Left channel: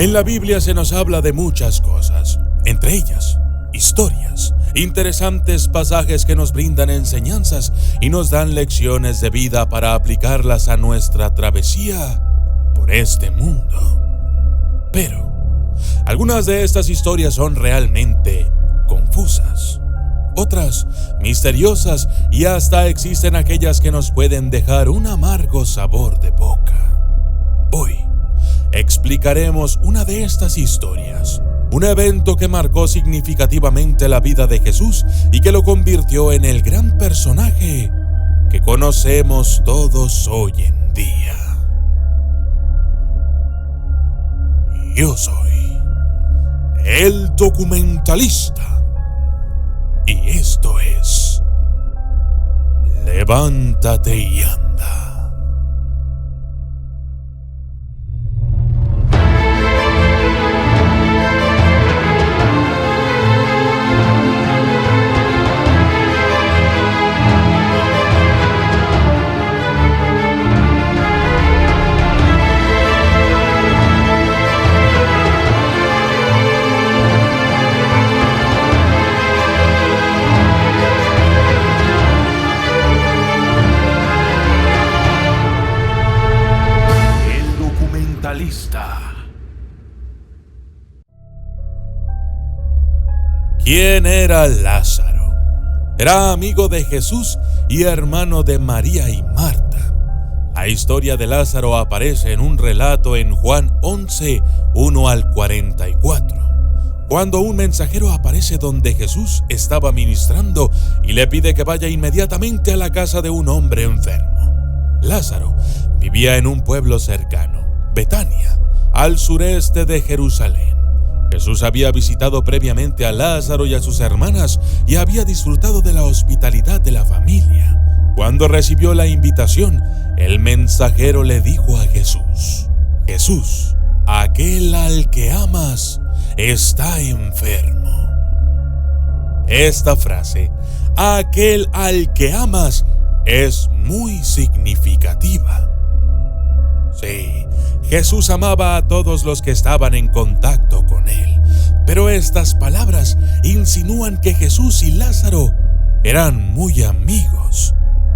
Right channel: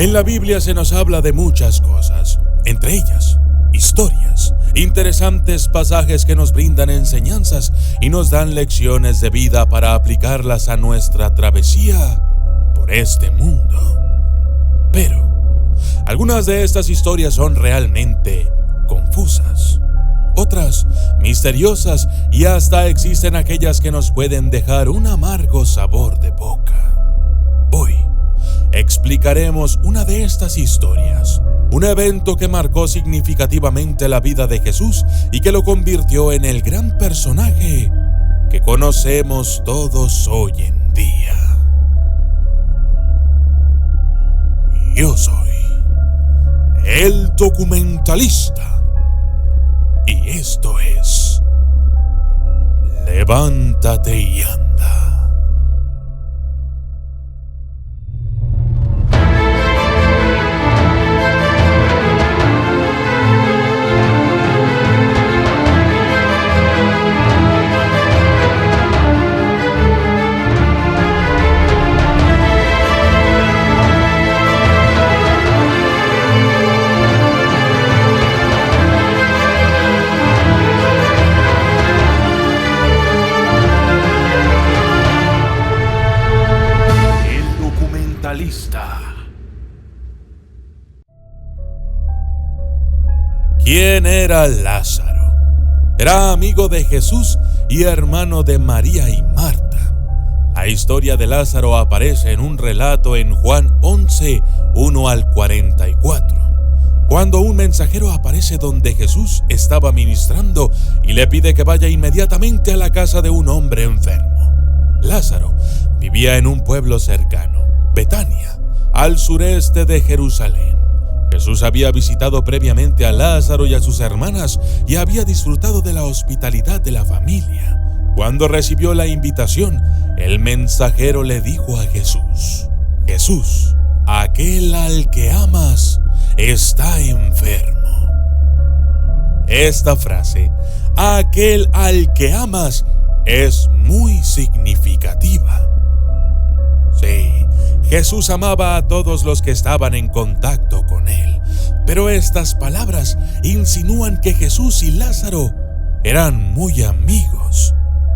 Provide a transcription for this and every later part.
En la Biblia se nos habla de muchas cosas, entre ellas, historias, interesantes pasajes que nos brindan enseñanzas y nos dan lecciones de vida para aplicarlas a nuestra travesía por este mundo. Pero algunas de estas historias son realmente confusas, otras misteriosas y hasta existen aquellas que nos pueden dejar un amargo sabor de boca. Hoy explicaremos una de estas historias, un evento que marcó significativamente la vida de Jesús y que lo convirtió en el gran personaje que conocemos todos hoy en día. Yo soy el documentalista y esto es Levántate y anda. ¿Quién era Lázaro? Era amigo de Jesús y hermano de María y Marta. La historia de Lázaro aparece en un relato en Juan 11, 1 al 44, cuando un mensajero aparece donde Jesús estaba ministrando y le pide que vaya inmediatamente a la casa de un hombre enfermo. Lázaro vivía en un pueblo cercano, Betania, al sureste de Jerusalén. Jesús había visitado previamente a Lázaro y a sus hermanas y había disfrutado de la hospitalidad de la familia. Cuando recibió la invitación, el mensajero le dijo a Jesús: Jesús, aquel al que amas está enfermo. Esta frase, aquel al que amas, es muy significativa. Sí, Jesús amaba a todos los que estaban en contacto con él, pero estas palabras insinúan que Jesús y Lázaro eran muy amigos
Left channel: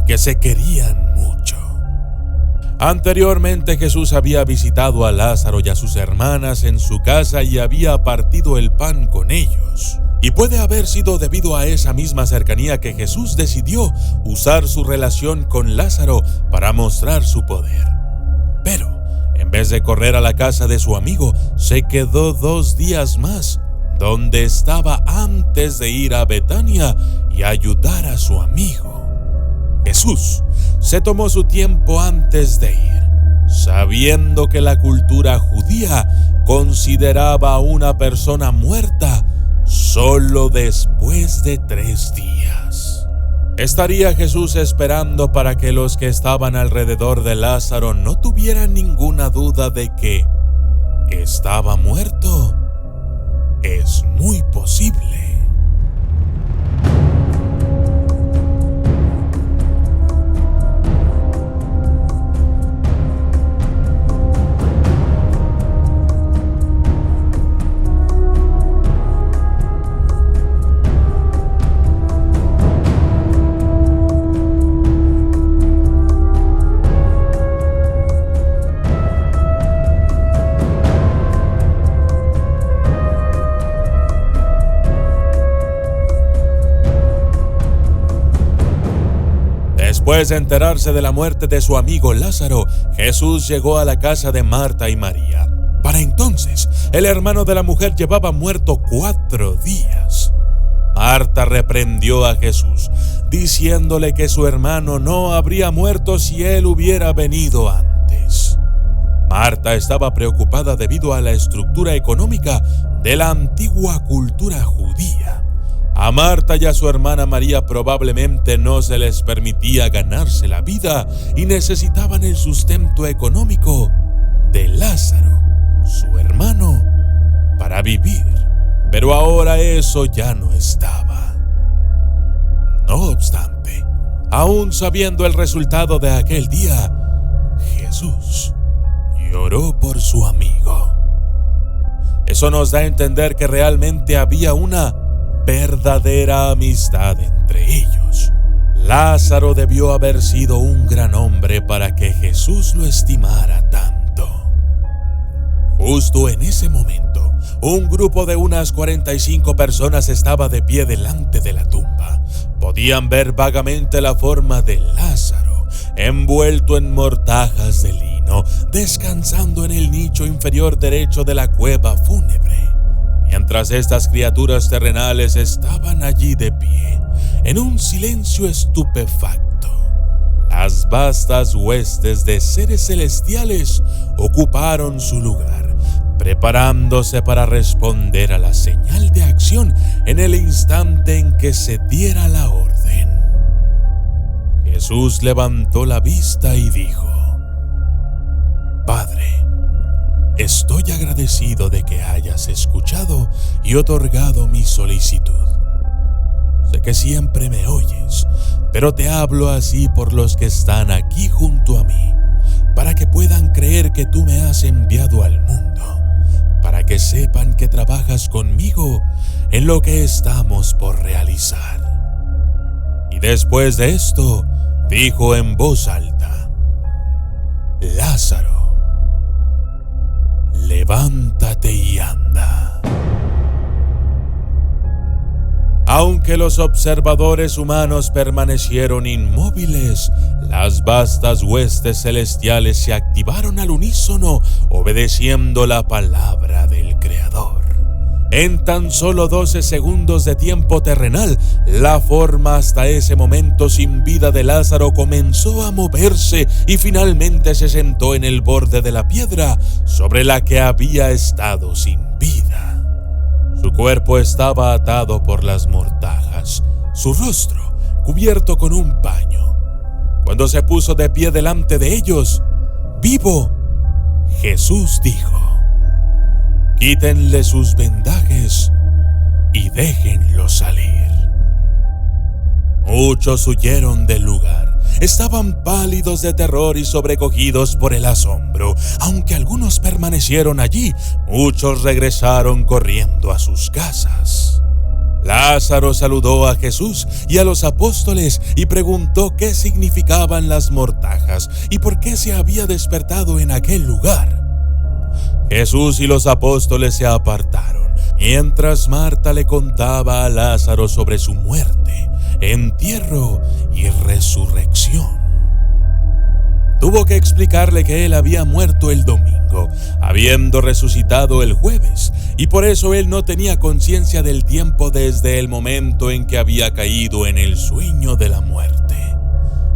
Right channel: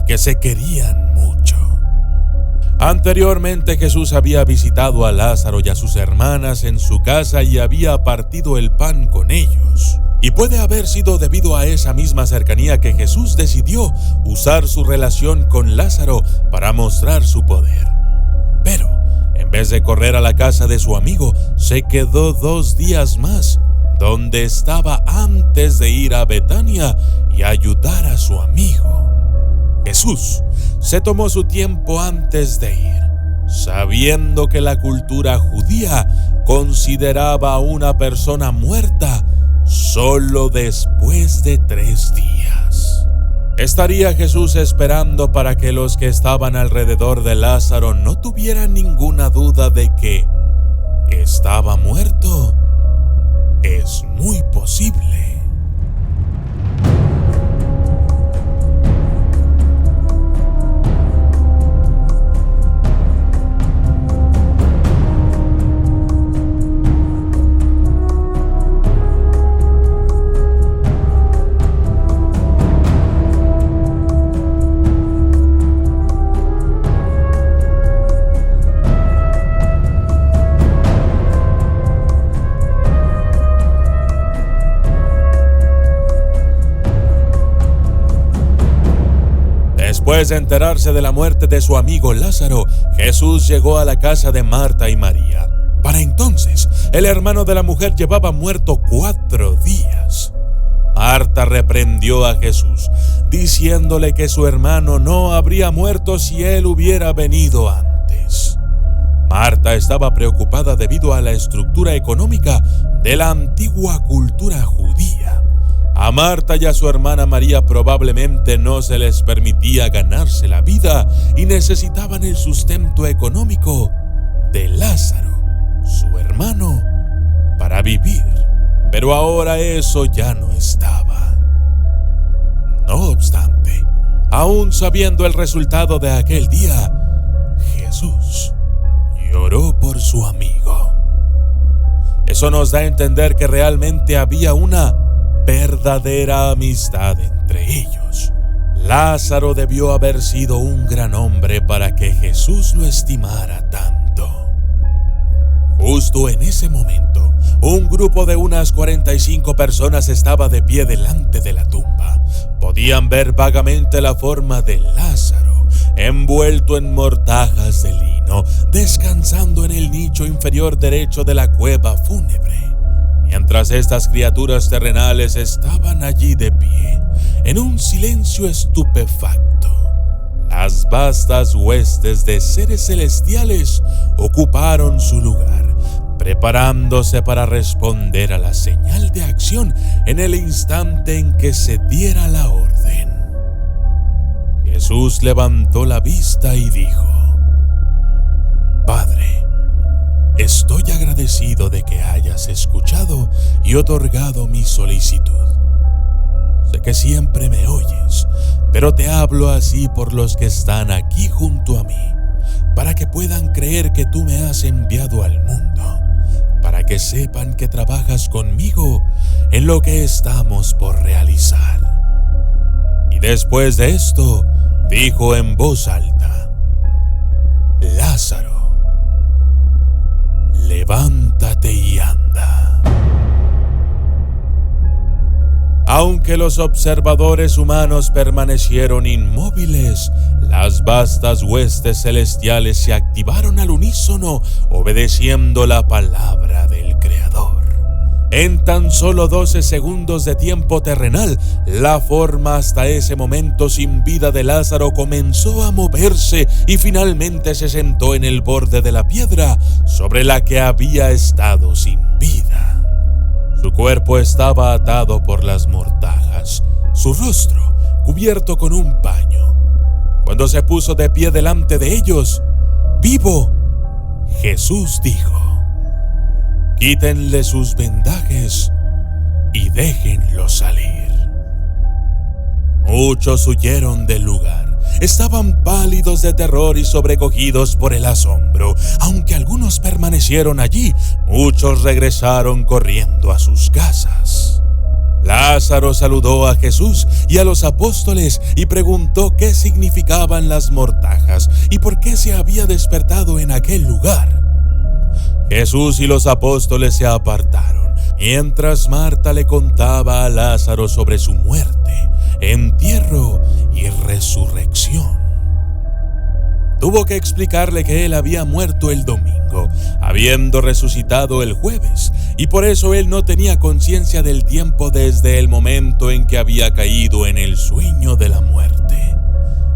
y que se querían mucho. Anteriormente Jesús había visitado a Lázaro y a sus hermanas en su casa y había partido el pan con ellos. Y puede haber sido debido a esa misma cercanía que Jesús decidió usar su relación con Lázaro para mostrar su poder. Pero en vez de correr a la casa de su amigo, se quedó 2 días más, donde estaba antes de ir a Betania y ayudar a su amigo. Jesús se tomó su tiempo antes de ir, sabiendo que la cultura judía consideraba a una persona muerta solo después de 3 días. ¿Estaría Jesús esperando para que los que estaban alrededor de Lázaro no tuvieran ninguna duda de que estaba muerto? Es muy posible. Después de enterarse de la muerte de su amigo Lázaro, Jesús llegó a la casa de Marta y María. Para entonces, el hermano de la mujer llevaba muerto 4 días. Marta reprendió a Jesús, diciéndole que su hermano no habría muerto si él hubiera venido antes. Marta estaba preocupada debido a la estructura económica de la antigua cultura judía. A Marta y a su hermana María probablemente no se les permitía ganarse la vida y necesitaban el sustento económico de Lázaro, su hermano, para vivir. Pero ahora eso ya no estaba. No obstante, aún sabiendo el resultado de aquel día, Jesús lloró por su amigo. Eso nos da a entender que realmente había una verdadera amistad entre ellos. Lázaro debió haber sido un gran hombre para que Jesús lo estimara tanto. Justo en ese momento, un grupo de unas 45 personas estaba de pie delante de la tumba. Podían ver vagamente la forma de Lázaro, envuelto en mortajas de lino, descansando en el nicho inferior derecho de la cueva fúnebre, mientras estas criaturas terrenales estaban allí de pie, en un silencio estupefacto. Las vastas huestes de seres celestiales ocuparon su lugar, preparándose para responder a la señal de acción en el instante en que se diera la orden. Jesús levantó la vista y dijo: Padre, estoy agradecido de que hayas escuchado y otorgado mi solicitud. Sé que siempre me oyes, pero te hablo así por los que están aquí junto a mí, para que puedan creer que tú me has enviado al mundo, para que sepan que trabajas conmigo en lo que estamos por realizar. Y después de esto, dijo en voz alta: Lázaro, levántate y anda. Aunque los observadores humanos permanecieron inmóviles, las vastas huestes celestiales se activaron al unísono, obedeciendo la palabra del Creador. En tan solo 12 segundos de tiempo terrenal, la forma hasta ese momento sin vida de Lázaro comenzó a moverse y finalmente se sentó en el borde de la piedra sobre la que había estado sin vida. Su cuerpo estaba atado por las mortajas, su rostro cubierto con un paño. Cuando se puso de pie delante de ellos, vivo, Jesús dijo: Quítenle sus vendajes y déjenlo salir. Muchos huyeron del lugar. Estaban pálidos de terror y sobrecogidos por el asombro. Aunque algunos permanecieron allí, muchos regresaron corriendo a sus casas. Lázaro saludó a Jesús y a los apóstoles y preguntó qué significaban las mortajas y por qué se había despertado en aquel lugar. Jesús y los apóstoles se apartaron, mientras Marta le contaba a Lázaro sobre su muerte, entierro y resurrección. Tuvo que explicarle que él había muerto el domingo, habiendo resucitado el jueves, y por eso él no tenía conciencia del tiempo desde el momento en que había caído en el sueño de la muerte.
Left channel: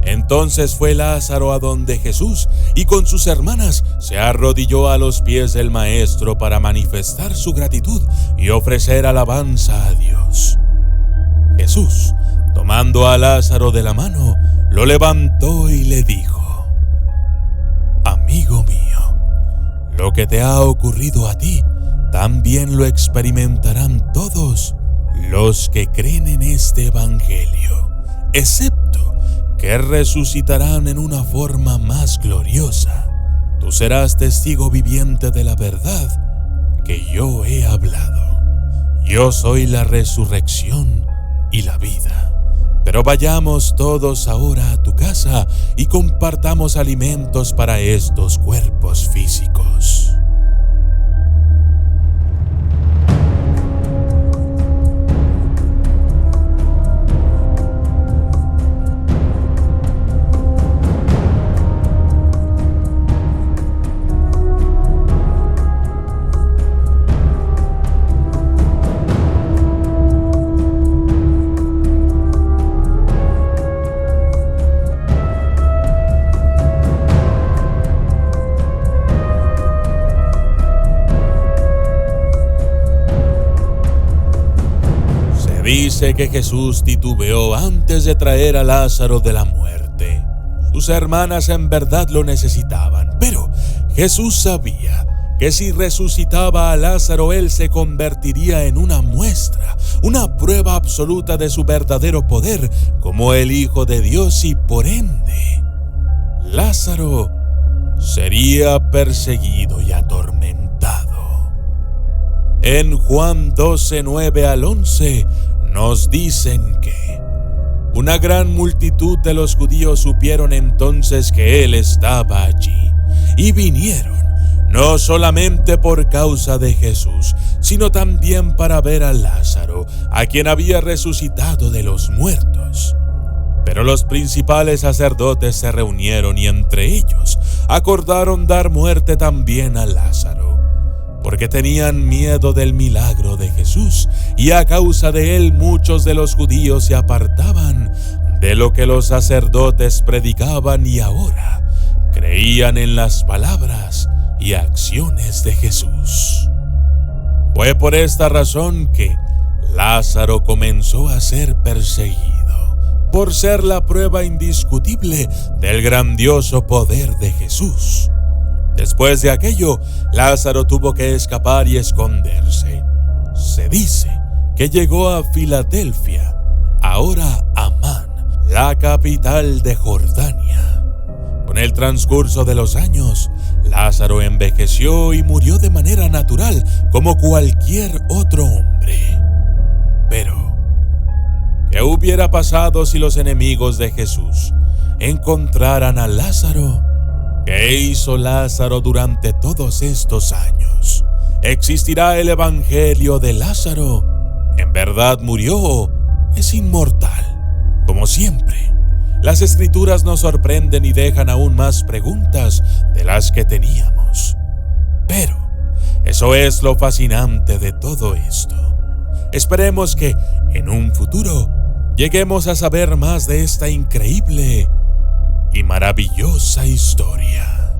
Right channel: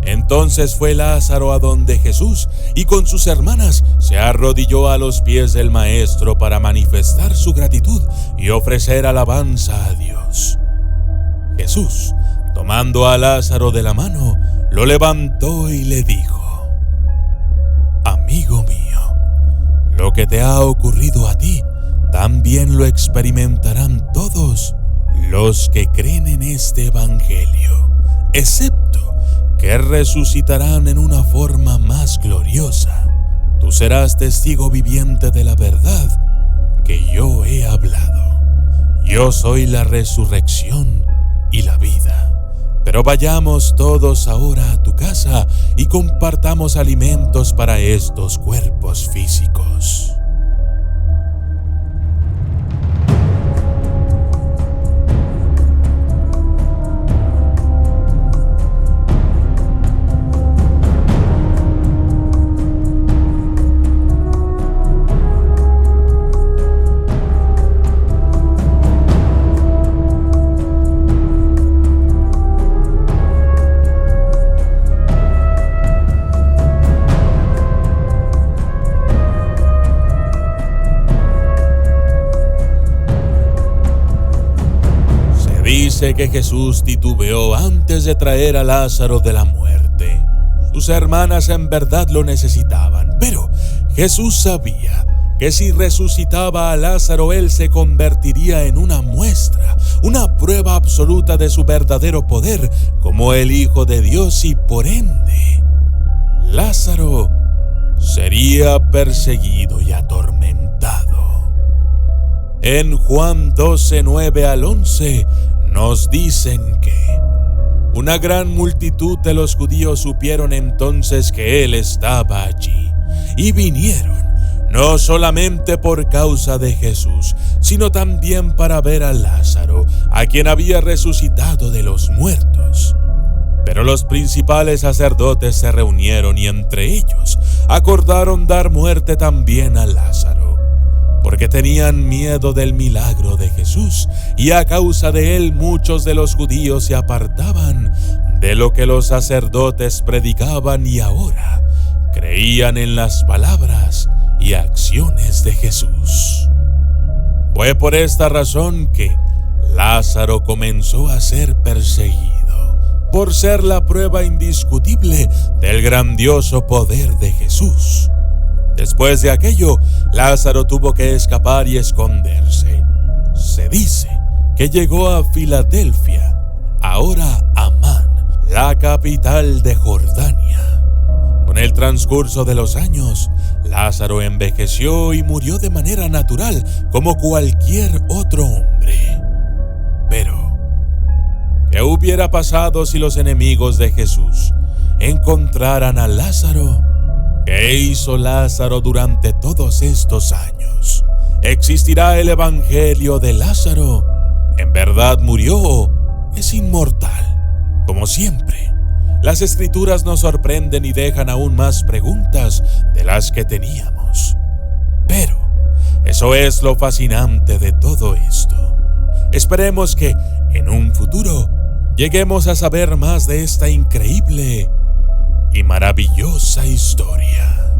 Entonces fue Lázaro a donde Jesús y con sus hermanas se arrodilló a los pies del Maestro para manifestar su gratitud y ofrecer alabanza a Dios. Jesús, tomando a Lázaro de la mano, lo levantó y le dijo: Amigo mío, lo que te ha ocurrido a ti, también lo experimentarán todos los que creen en este evangelio, excepto que resucitarán en una forma más gloriosa. Tú serás testigo viviente de la verdad que yo he hablado. Yo soy la resurrección y la vida. Pero vayamos todos ahora a tu casa y compartamos alimentos para estos cuerpos físicos. Dice que Jesús titubeó antes de traer a Lázaro de la muerte. Sus hermanas en verdad lo necesitaban, pero Jesús sabía que si resucitaba a Lázaro, él se convertiría en una muestra, una prueba absoluta de su verdadero poder como el Hijo de Dios, y por ende, Lázaro sería perseguido y atormentado. en Juan 12, 9 al 11, nos dicen que una gran multitud de los judíos supieron entonces que él estaba allí, y vinieron, no solamente por causa de Jesús, sino también para ver a Lázaro, a quien había resucitado de los muertos. Pero los principales sacerdotes se reunieron y entre ellos acordaron dar muerte también a Lázaro, porque tenían miedo del milagro de Jesús, y a causa de él muchos de los judíos se apartaban de lo que los sacerdotes predicaban y ahora creían en las palabras y acciones de Jesús. Fue por esta razón que Lázaro comenzó a ser perseguido, por ser la prueba indiscutible del grandioso poder de Jesús. Después de aquello, Lázaro tuvo que escapar y esconderse. Se dice que llegó a Filadelfia, ahora Amán, la capital de Jordania. Con el transcurso de los años, Lázaro envejeció y murió de manera natural como cualquier otro hombre. Pero, ¿qué hubiera pasado si los enemigos de Jesús encontraran a Lázaro? ¿Qué hizo Lázaro durante todos estos años? ¿Existirá el evangelio de Lázaro? ¿En verdad murió o es inmortal? Como siempre, las escrituras nos sorprenden y dejan aún más preguntas de las que teníamos. Pero eso es lo fascinante de todo esto. Esperemos que en un futuro lleguemos a saber más de esta increíble y maravillosa historia.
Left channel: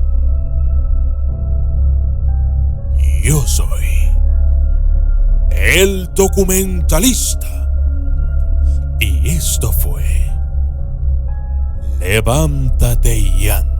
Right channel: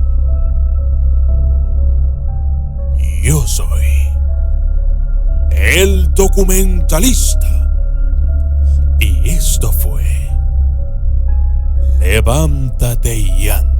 Yo soy el documentalista y esto fue Levántate y anda.